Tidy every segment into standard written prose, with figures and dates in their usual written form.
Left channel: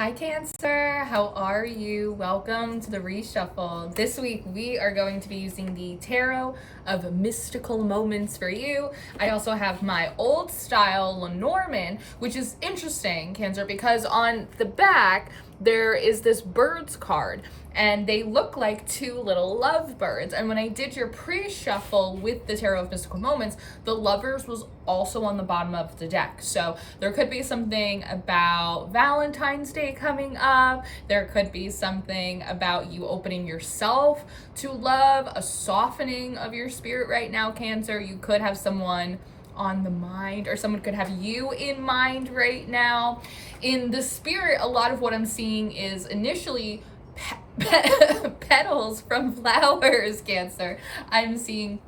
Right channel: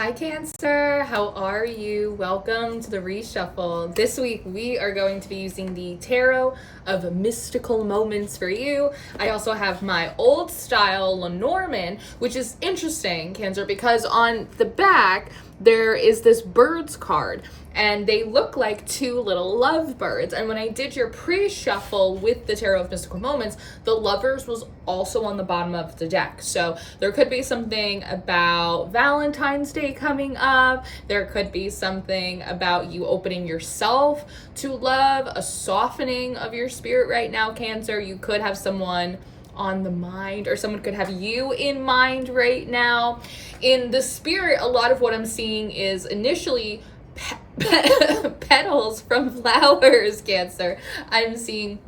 Hi Cancer, how are you? Welcome to the reshuffle. This week we are going to be using the Tarot of Mystical Moments for you. I also have my old style Lenormand, which is interesting, Cancer, because on the back there is this birds card and they look like two little lovebirds. And when I did your pre-shuffle with the Tarot of Mystical Moments, the lovers was also on the bottom of the deck. So there could be something about Valentine's Day coming up. There could be something about you opening yourself to love, a softening of your spirit right now, Cancer. You could have someone on the mind, or someone could have you in mind right now. In the spirit, a lot of what I'm seeing is initially petals from flowers, Cancer. I'm seeing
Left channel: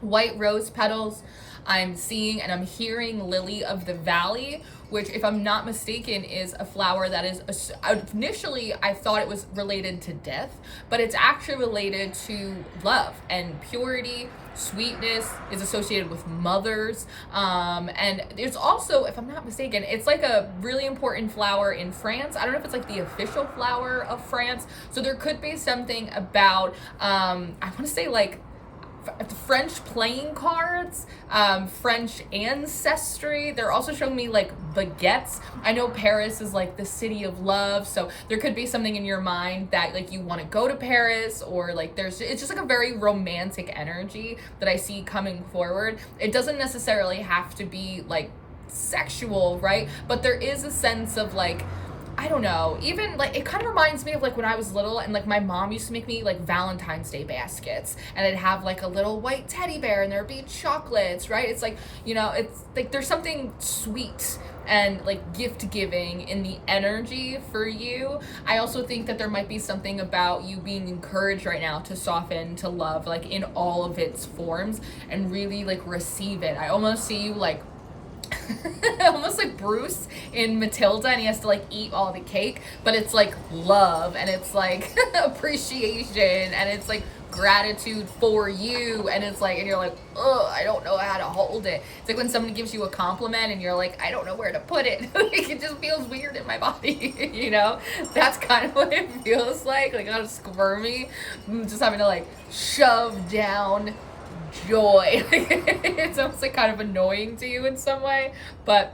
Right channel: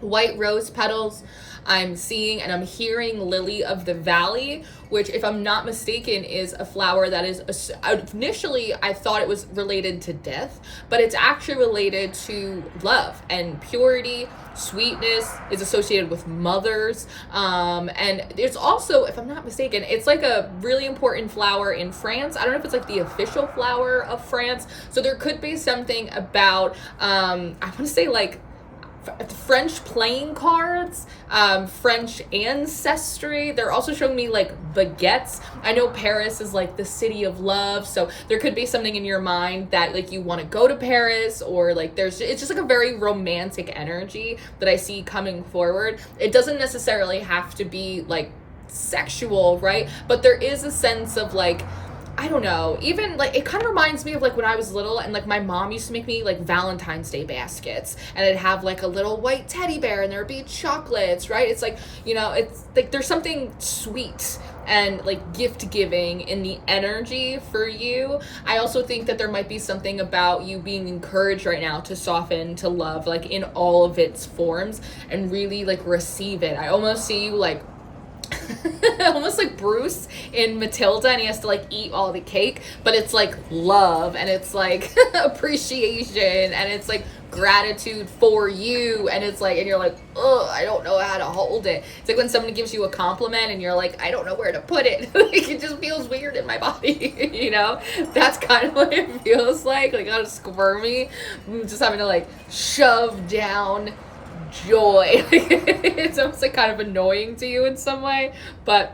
white rose petals. I'm seeing and I'm hearing lily of the valley, which, if I'm not mistaken, is a flower that is initially I thought it was related to death, but it's actually related to love and purity. Sweetness is associated with mothers, and there's also, if I'm not mistaken, it's like a really important flower in France. I don't know if it's like the official flower of France, so there could be something about I want to say like French playing cards, French ancestry. They're also showing me like baguettes. I know Paris is like the city of love, so there could be something in your mind that like you want to go to Paris, or like it's just like a very romantic energy that I see coming forward. It doesn't necessarily have to be like sexual, right? But there is a sense of like, I don't know, even like it kind of reminds me of like when I was little and like my mom used to make me like Valentine's Day baskets, and it'd have like a little white teddy bear and there'd be chocolates, right? It's like, you know, it's like there's something sweet and like gift giving in the energy for you. I also think that there might be something about you being encouraged right now to soften to love, like in all of its forms, and really like receive it. I almost see you like almost like Bruce in Matilda, and he has to like eat all the cake, but it's like love, and it's like appreciation, and it's like gratitude for you, and it's like, and you're like, oh, I don't know how to hold it. It's like when somebody gives you a compliment and you're like, I don't know where to put it. Like it just feels weird in my body. You know, that's kind of what it feels like kind of squirmy, just having to like shove down joy. It's almost like kind of annoying to you in some way, but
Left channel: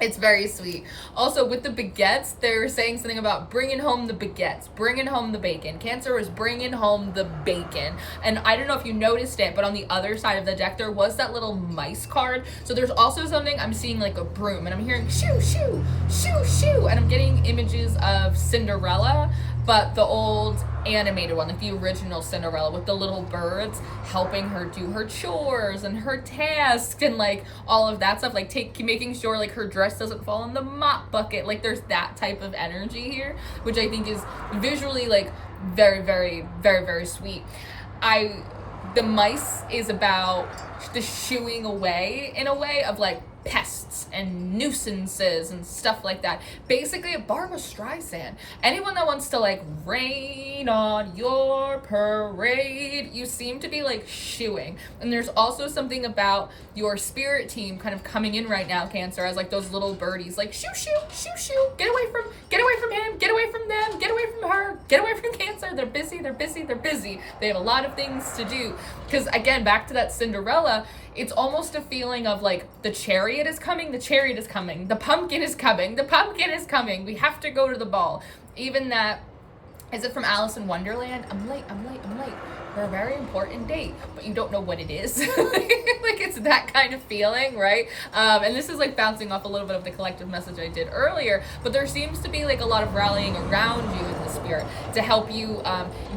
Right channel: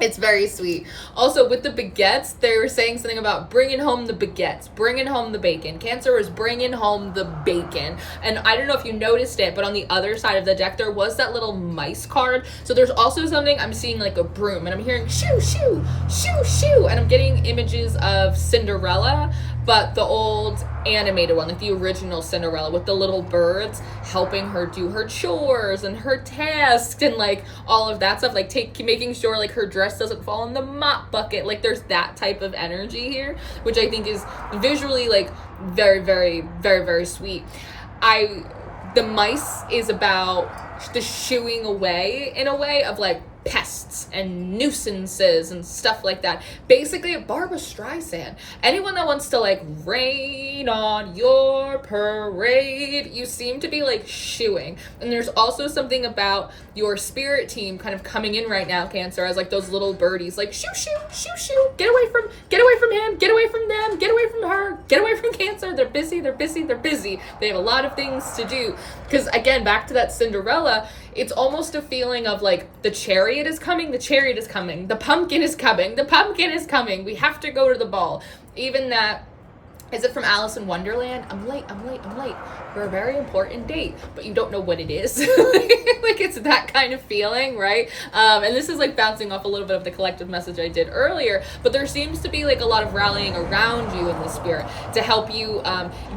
it's very sweet. Also, with the baguettes, they were saying something about bringing home the baguettes, bringing home the bacon. Cancer is bringing home the bacon. And I don't know if you noticed it, but on the other side of the deck, there was that little mice card. So there's also something, I'm seeing like a broom, and I'm hearing shoo, shoo, shoo, shoo. And I'm getting images of Cinderella, but the old animated one, like the original Cinderella, with the little birds helping her do her chores and her tasks and like all of that stuff, like making sure like her dress doesn't fall in the mop bucket. Like there's that type of energy here, which I think is visually like very, very, very, very sweet. The mice is about the shooing away in a way of like pests and nuisances and stuff like that. Basically a Barbra Streisand. Anyone that wants to like rain on your parade, you seem to be like shooing. And there's also something about your spirit team kind of coming in right now, Cancer, as like those little birdies, like shoo, shoo, shoo, shoo, get away from him, get away from them, get away from her, get away from Cancer. They're busy, they're busy, they're busy. They have a lot of things to do. Because again, back to that Cinderella, it's almost a feeling of like the chariot is coming, the chariot is coming, the pumpkin is coming, the pumpkin is coming, we have to go to the ball. Even that, is it from Alice in Wonderland? I'm late for a very important date, but you don't know what it is. Like it's that kind of feeling, right? And this is like bouncing off a little bit of the collective message I did earlier, but there seems to be like a lot of rallying around you in the spirit to help you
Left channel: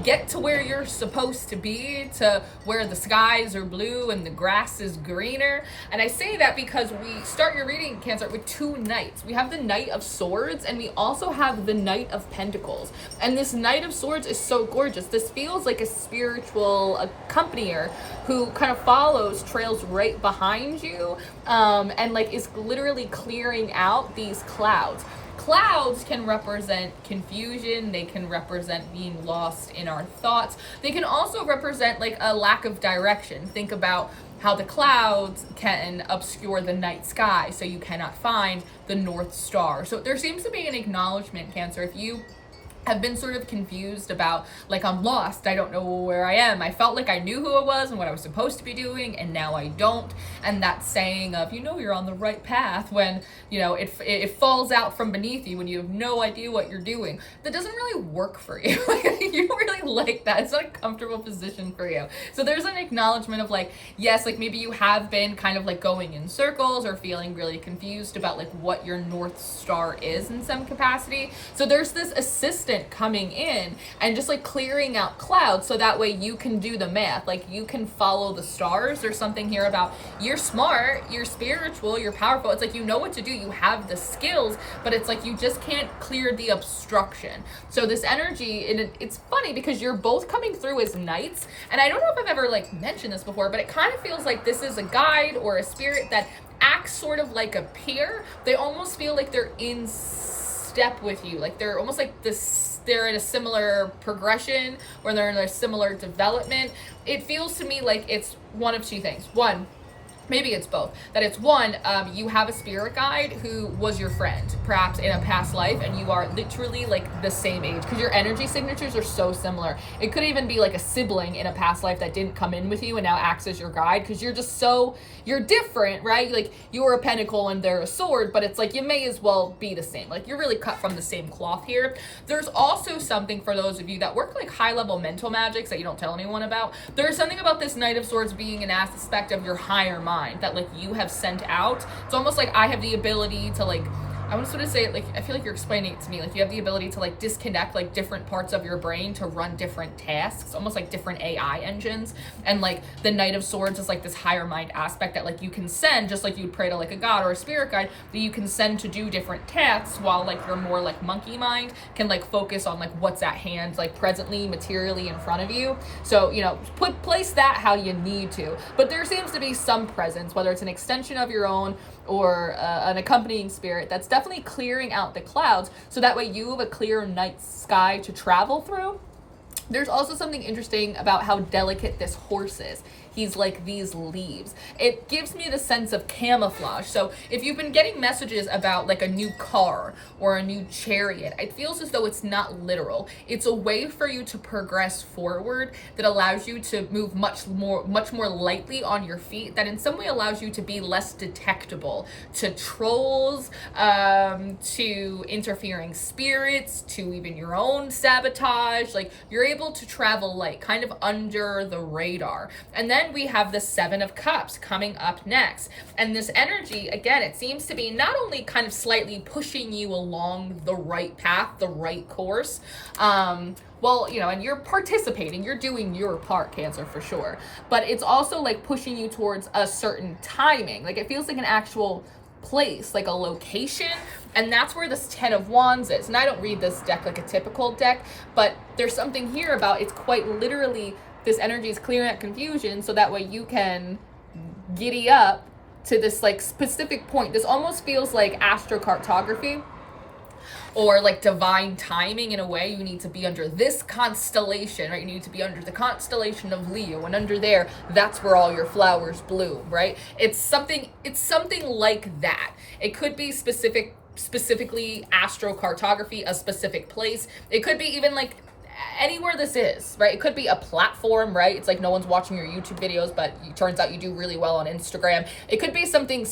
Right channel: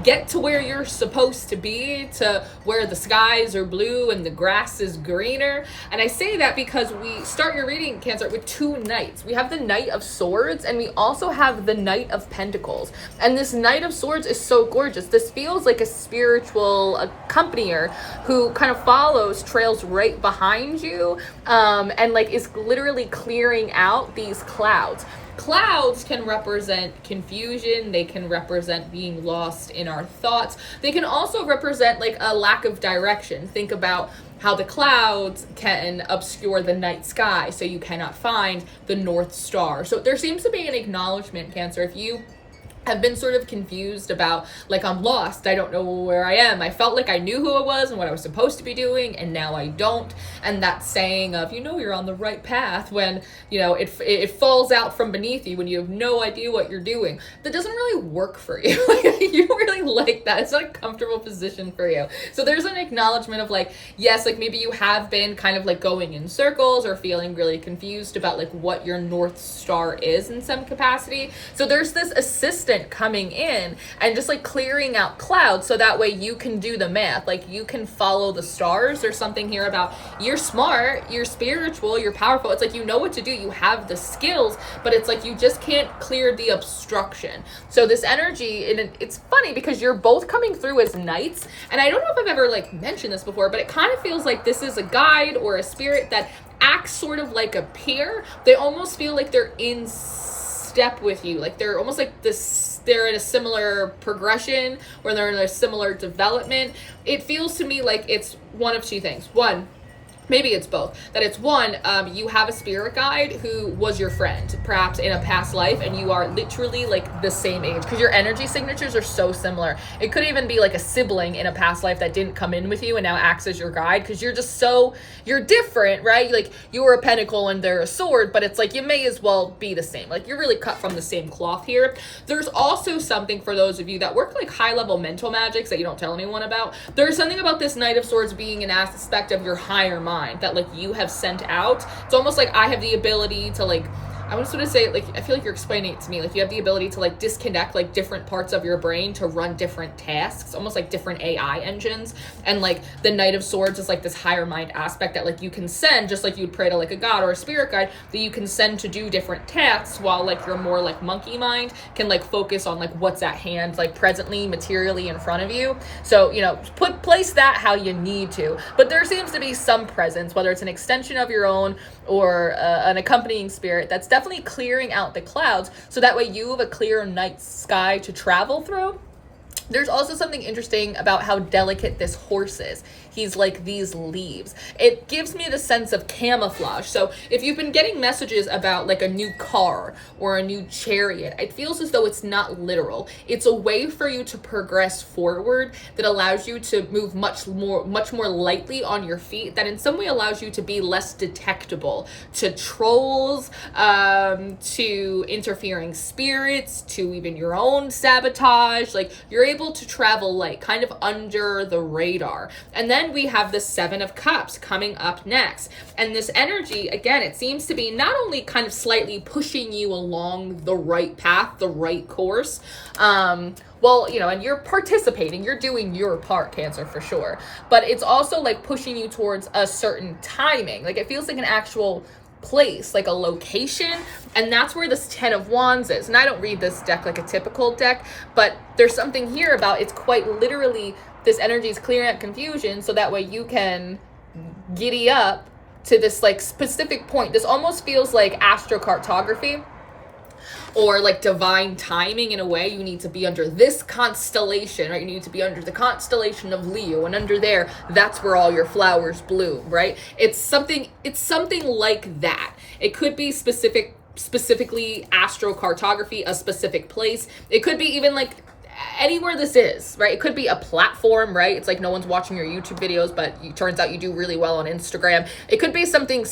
get to where you're supposed to be, to where the skies are blue and the grass is greener. And I say that because we start your reading, Cancer, with two knights. We have the Knight of Swords, and we also have the Knight of Pentacles. And this Knight of Swords is so gorgeous. This feels like a spiritual accompanier who kind of trails right behind you, and like is literally clearing out these clouds. Clouds can represent confusion. They can represent being lost in our thoughts. They can also represent like a lack of direction. Think about how the clouds can obscure the night sky, so you cannot find the North Star. So there seems to be an acknowledgement, Cancer, if you have been sort of confused about, like, I'm lost, I don't know where I am, I felt like I knew who I was and what I was supposed to be doing, and now I don't. And that saying of, you're on the right path, when it falls out from beneath you when you have no idea what you're doing, that doesn't really work for you. Like, you don't really like that. It's not a comfortable position for you. So there's an acknowledgement of, like, yes, like, maybe you have been kind of like going in circles or feeling really confused about, like, what your North Star is in some capacity. So there's this assistant coming in and just like clearing out clouds, so that way you can do the math, like you can follow the stars. There's something here about, you're smart, you're spiritual, you're powerful, it's like you know what to do, you have the skills, but it's like you just can't clear the obstruction. So this energy, and it's funny because you're both coming through as knights, and I don't know if I've ever like mentioned this before, but it kind of feels like this is a guide or a spirit that acts sort of like a peer. They almost feel like they're in step with you, like they're almost like this, they're in a similar progression, or they're in a similar development. It feels to me like it's one of two things. One, maybe it's both, that it's one, you have a spirit guide who was your friend, perhaps in a past life, and you are literally like the same age, because your energy signatures are so similar. It could even be like a sibling in a past life that didn't come in with you and now acts as your guide, because you're just you're different, right? Like, you're a pentacle and they're a sword, but it's like you may as well be the same. Like, you're really cut from the same cloth here. There's also something for those of you that work like high level mental magics that you don't tell anyone about. There's something about this Knight of Swords being an aspect of your higher mind that like you have sent out. It's almost like I have the ability to like, I want to sort of say, like, I feel like you're explaining it to me, like you have the ability to like disconnect like different parts of your brain to run different tasks, almost like different AI engines. And like the Knight of Swords is like this higher mind aspect that like you can send, just like you'd pray to like a god or a spirit guide, that you can send to do different tasks, while like your more like monkey mind can like focus on like what's at hand, like presently, materially in front of you. So, place that how you need to, but there seems to be some presence, whether it's an extension of your own or an accompanying spirit, that's definitely clearing out the clouds, so that way you have a clear night sky to travel through. There's also something interesting about how delicate this horse is. He's like these leaves. It gives me the sense of camouflage. So if you've been getting messages about like a new car or a new chariot, it feels as though it's not literal. It's a way for you to progress forward that allows you to move much more lightly on your feet, that in some way allows you to be less detectable to trolls, to interfering spirits, to even your own sabotage. Like, you're able to travel light, kind of under the radar. And then we have the Seven of Cups coming up next. And this energy, again, it seems to be not only kind of slightly pushing you along the right path, the right course, and you're participating, you're doing your part, Cancer, for sure. But it's also like pushing you towards a certain timing. Like, it feels like an actual place, like a location, and that's where this Ten of Wands is. And I don't read this deck like a typical deck, but there's something here about, it's quite literally, this energy is clearing up confusion, so that way you can giddy up to this like specific point. This almost feels like astrocartography, or like divine timing in a way. You need to be under this constellation, right? You need to be under the constellation of Leo, and under there, that's where all your flowers bloom, right? It's something like that. It could be specifically astrocartography, a specific place. It could be even like anywhere this is, right? It could be a platform, right? It's like no one's watching your YouTube videos, but it turns out you do really well on Instagram. It could be something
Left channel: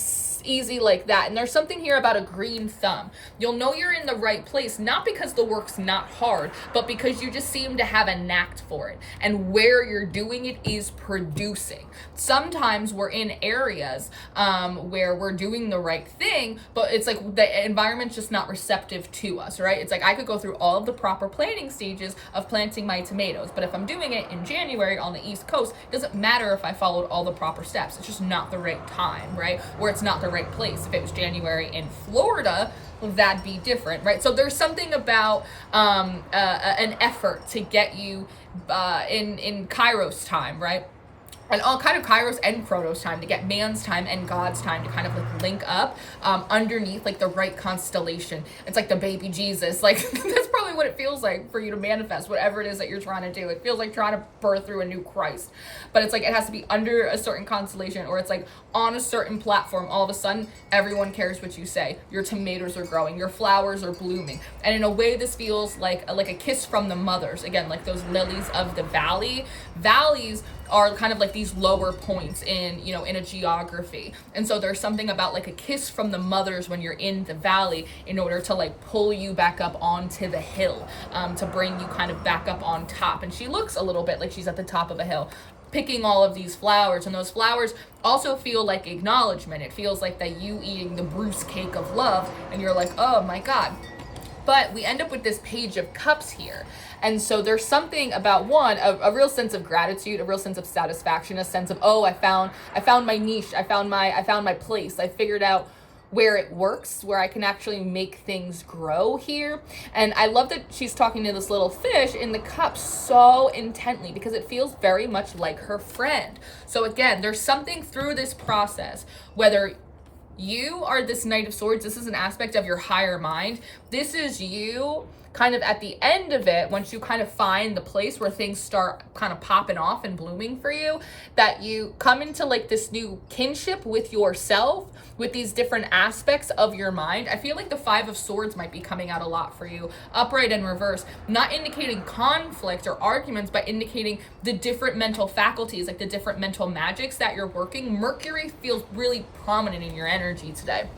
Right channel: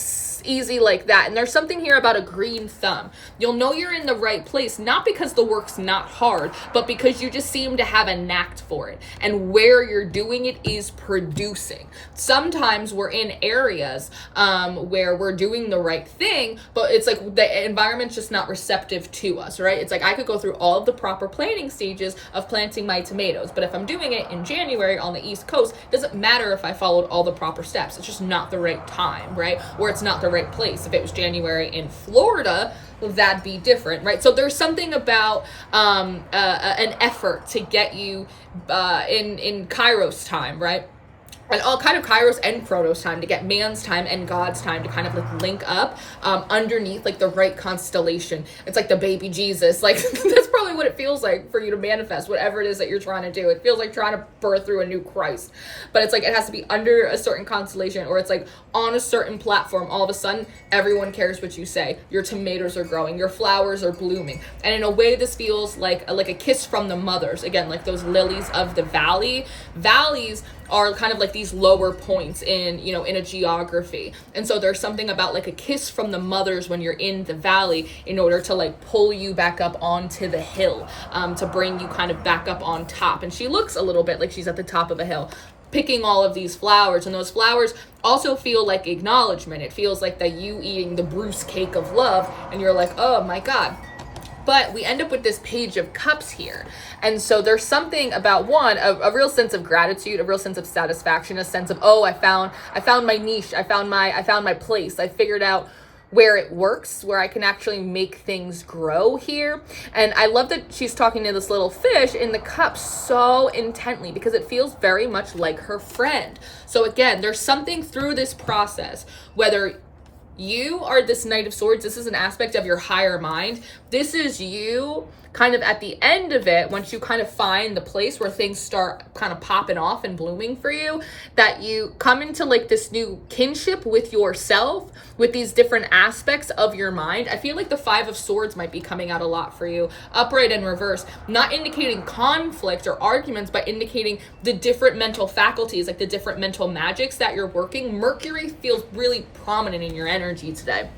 easy like that. And there's something here about a green thumb. You'll know you're in the right place, not because the work's not hard, but because you just seem to have a knack for it. And where you're doing it is producing. Sometimes we're in areas where we're doing the right thing, but it's like the environment's just not receptive to us, right? It's like I could go through all of the proper planting stages of planting my tomatoes, but if I'm doing it in January on the East Coast, it doesn't matter if I followed all the proper steps. It's just not the right time, right? Or it's not the right place. If it was January in Florida, that'd be different, right? So there's something about an effort to get you in Kairos time, right? And all kind of Kairos and Chronos time, to get man's time and God's time to kind of like link up underneath like the right constellation. It's like the baby Jesus. Like, that's probably what it feels like for you to manifest whatever it is that you're trying to do. It feels like trying to birth through a new Christ. But it's like it has to be under a certain constellation, or it's like on a certain platform. All of a sudden, everyone cares what you say. Your tomatoes are growing, your flowers are blooming. And in a way, this feels like a kiss from the mothers. Again, like those lilies of the valley. Valleys are kind of like these lower points in, you know, in a geography. And so there's something about like a kiss from the mothers when you're in the valley in order to like pull you back up onto the hill, to bring you kind of back up on top. And she looks a little bit like she's at the top of a hill, picking all of these flowers, and those flowers also feel like acknowledgement. It feels like that you eating the Bruce cake of love, and you're like, oh my God. But we end up with this Page of Cups here. And so there's something about a real sense of gratitude, a real sense of satisfaction, a sense of, oh, I found my niche. I found my place. I figured out where it works, where I can actually make things grow here. And I love that she's talking to this little fish in the cup so intently, because it feels very much like her friend. So again, there's something through this process, whether you are this Knight of Swords, this is an aspect of your higher mind. This is you kind of at the end of it, once you kind of find the place where things start kind of popping off and blooming for you, that you come into like this new kinship with yourself, with these different aspects of your mind. I feel like the Five of Swords might be coming out a lot for you, upright and reverse, not indicating conflict or arguments, but indicating the different mental faculties, like the different mental magics that you're working. Mercury feels really prominent in your energy today.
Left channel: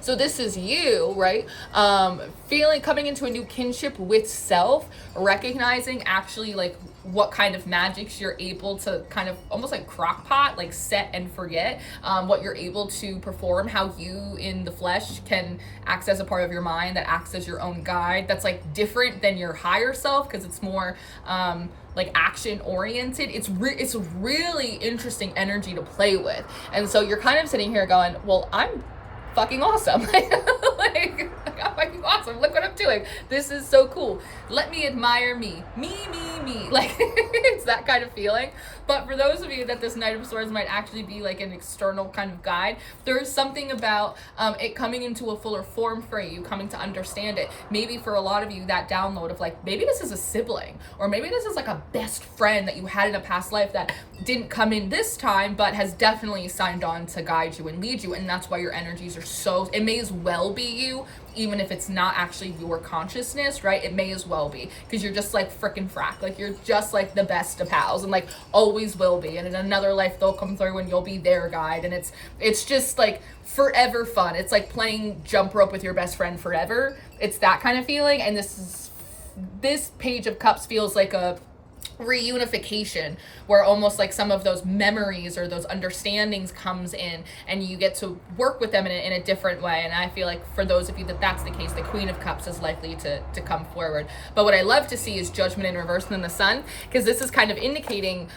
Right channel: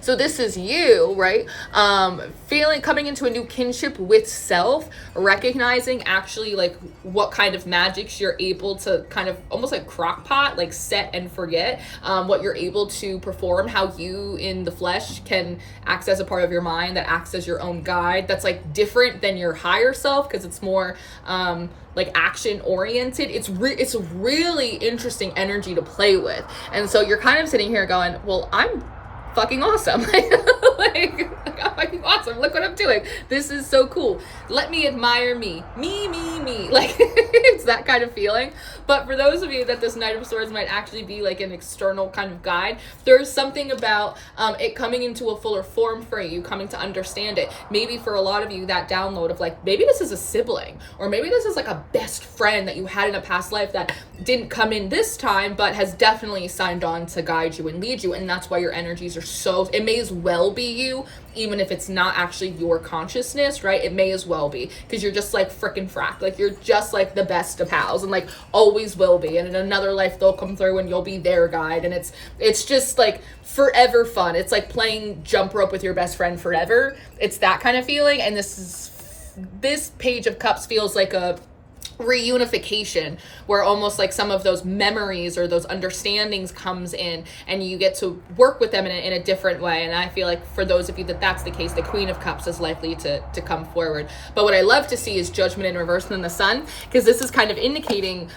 So this is you, right? Coming into a new kinship with self, recognizing actually like what kind of magics you're able to kind of almost like crockpot, like set and forget, what you're able to perform, how you in the flesh can act as a part of your mind that acts as your own guide. That's like different than your higher self, because it's more, like action oriented. It's a really interesting energy to play with. And so you're kind of sitting here going, well, I'm fucking awesome. like I'm fucking awesome. Look what I'm doing. This is so cool. Let me admire me. Me. Like it's that kind of feeling. But for those of you that this Knight of Swords might actually be like an external kind of guide, there's something about it coming into a fuller form for you, coming to understand it. Maybe for a lot of you, that download of like, maybe this is a sibling, or maybe this is like a best friend that you had in a past life that didn't come in this time, but has definitely signed on to guide you and lead you. And that's why your energies are so, it may as well be you, even if it's not actually your consciousness, right? It may as well be, because you're just like frickin' frack. Like you're just like the best of pals, and like always will be. And in another life they'll come through and you'll be their guide. And it's just like forever fun. It's like playing jump rope with your best friend forever. It's that kind of feeling. And this Page of Cups feels like a reunification, where almost like some of those memories or those understandings comes in, and you get to work with them in a different way. And I feel like for those of you that's the case, the Queen of Cups is likely to come forward. But what I love to see is Judgment in reverse and then the Sun, because this is kind of indicating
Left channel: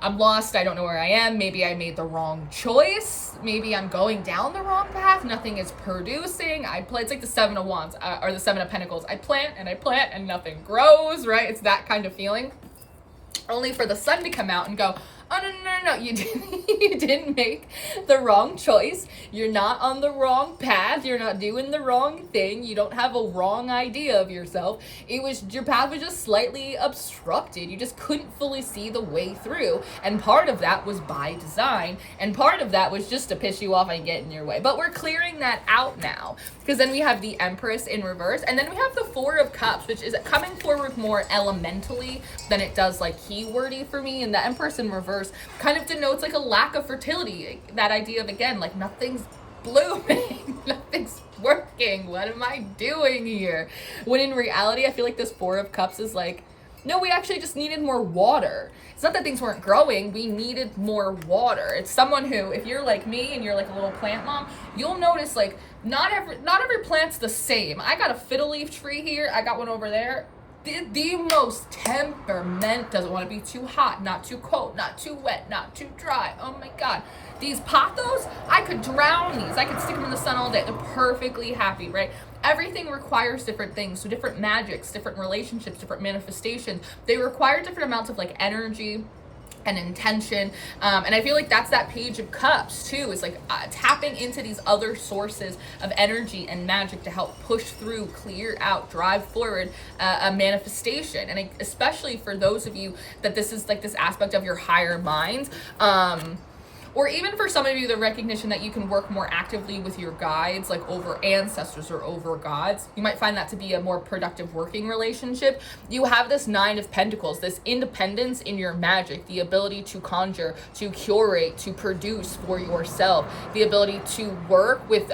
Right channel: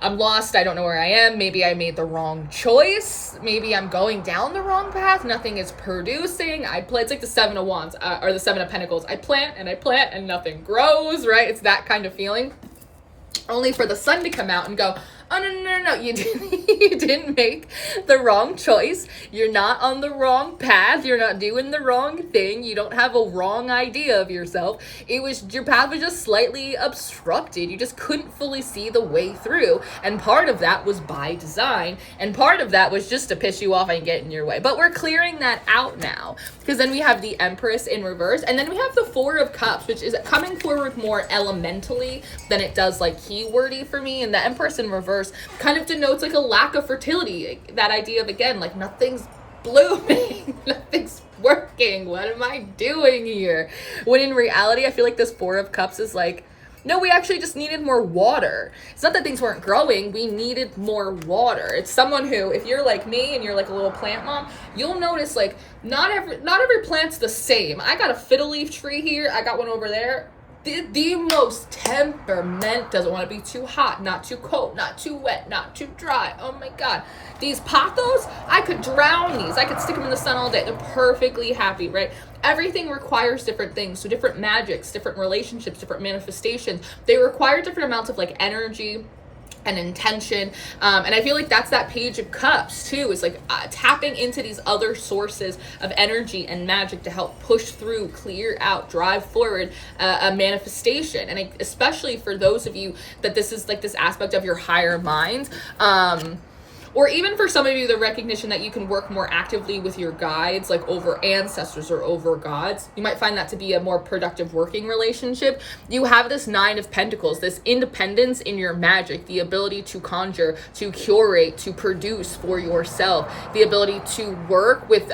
I'm lost, I don't know where I am, maybe I made the wrong choice, maybe I'm going down the wrong path, nothing is producing. It's like the Seven of Wands, or the Seven of Pentacles. I plant and nothing grows, right? It's that kind of feeling. Only for the Sun to come out and go, oh, no, you didn't make the wrong choice. You're not on the wrong path. You're not doing the wrong thing. You don't have a wrong idea of yourself. Your path was just slightly obstructed. You just couldn't fully see the way through. And part of that was by design. And part of that was just to piss you off and get in your way. But we're clearing that out now, because then we have the Empress in reverse. And then we have the Four of Cups, which is coming forward more elementally than it does like keywordy for me. And the Empress in reverse kind of denotes like a lack of fertility. That idea of, again, like nothing's blooming, nothing's working. What am I doing here? When in reality, I feel like this Four of Cups is like, no, we actually just needed more water. It's not that things weren't growing, we needed more water. It's someone who, if you're like me and you're like a little plant mom, you'll notice like not every plant's the same. I got a fiddle leaf tree here, I got one over there. The most temperament, doesn't want to be too hot, not too cold, not too wet, not too dry. Oh my God. These pothos, I could drown these. I could stick them in the sun all day. They're perfectly happy, right? Everything requires different things. So different magics, different relationships, different manifestations. They require different amounts of like energy, and intention. And I feel like that's that Page of Cups too, is like tapping into these other sources of energy and magic to help push through, clear out, drive forward a manifestation. And especially for those of you that this is like this aspect of your higher mind, or even for some of you, the recognition that you can work more actively with your guides, like over ancestors or over gods. You might find that to be a more productive working relationship. You have this Nine of Pentacles, this independence in your magic, the ability to conjure, to curate, to produce for yourself, the ability to work with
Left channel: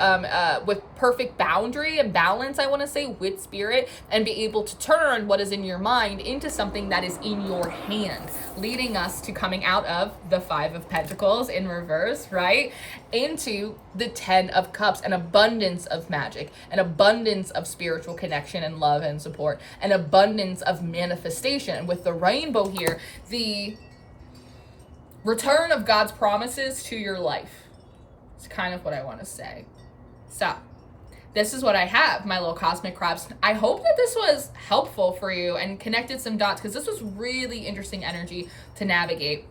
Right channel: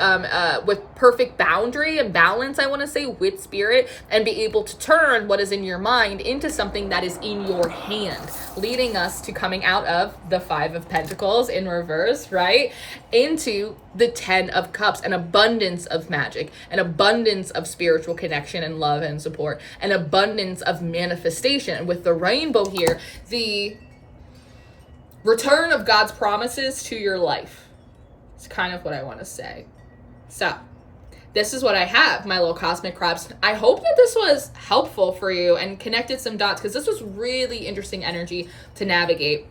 perfect boundary and balance, I want to say, with spirit, and be able to turn what is in your mind into something that is in your hand, leading us to coming out of the Five of Pentacles in reverse, right, into the Ten of Cups, an abundance of magic, an abundance of spiritual connection and love and support, an abundance of manifestation. And with the rainbow here, the return of God's promises to your life. It's kind of what I want to say. So this is what I have, my little cosmic crabs. I hope that this was helpful for you and connected some dots, because this was really interesting energy to navigate.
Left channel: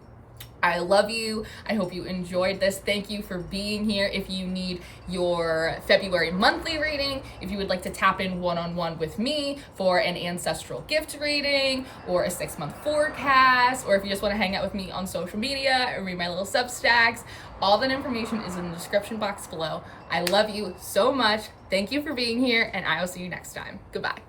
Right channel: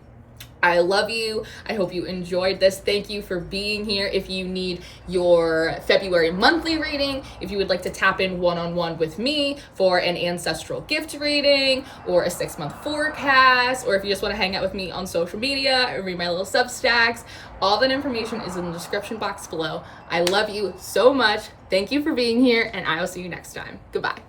I love you. I hope you enjoyed this. Thank you for being here. If you need your February monthly reading, if you would like to tap in one-on-one with me for an ancestral gift reading or a 6-month forecast, or if you just want to hang out with me on social media or read my little Substacks, all that information is in the description box below. I love you so much. Thank you for being here, and I will see you next time. Goodbye.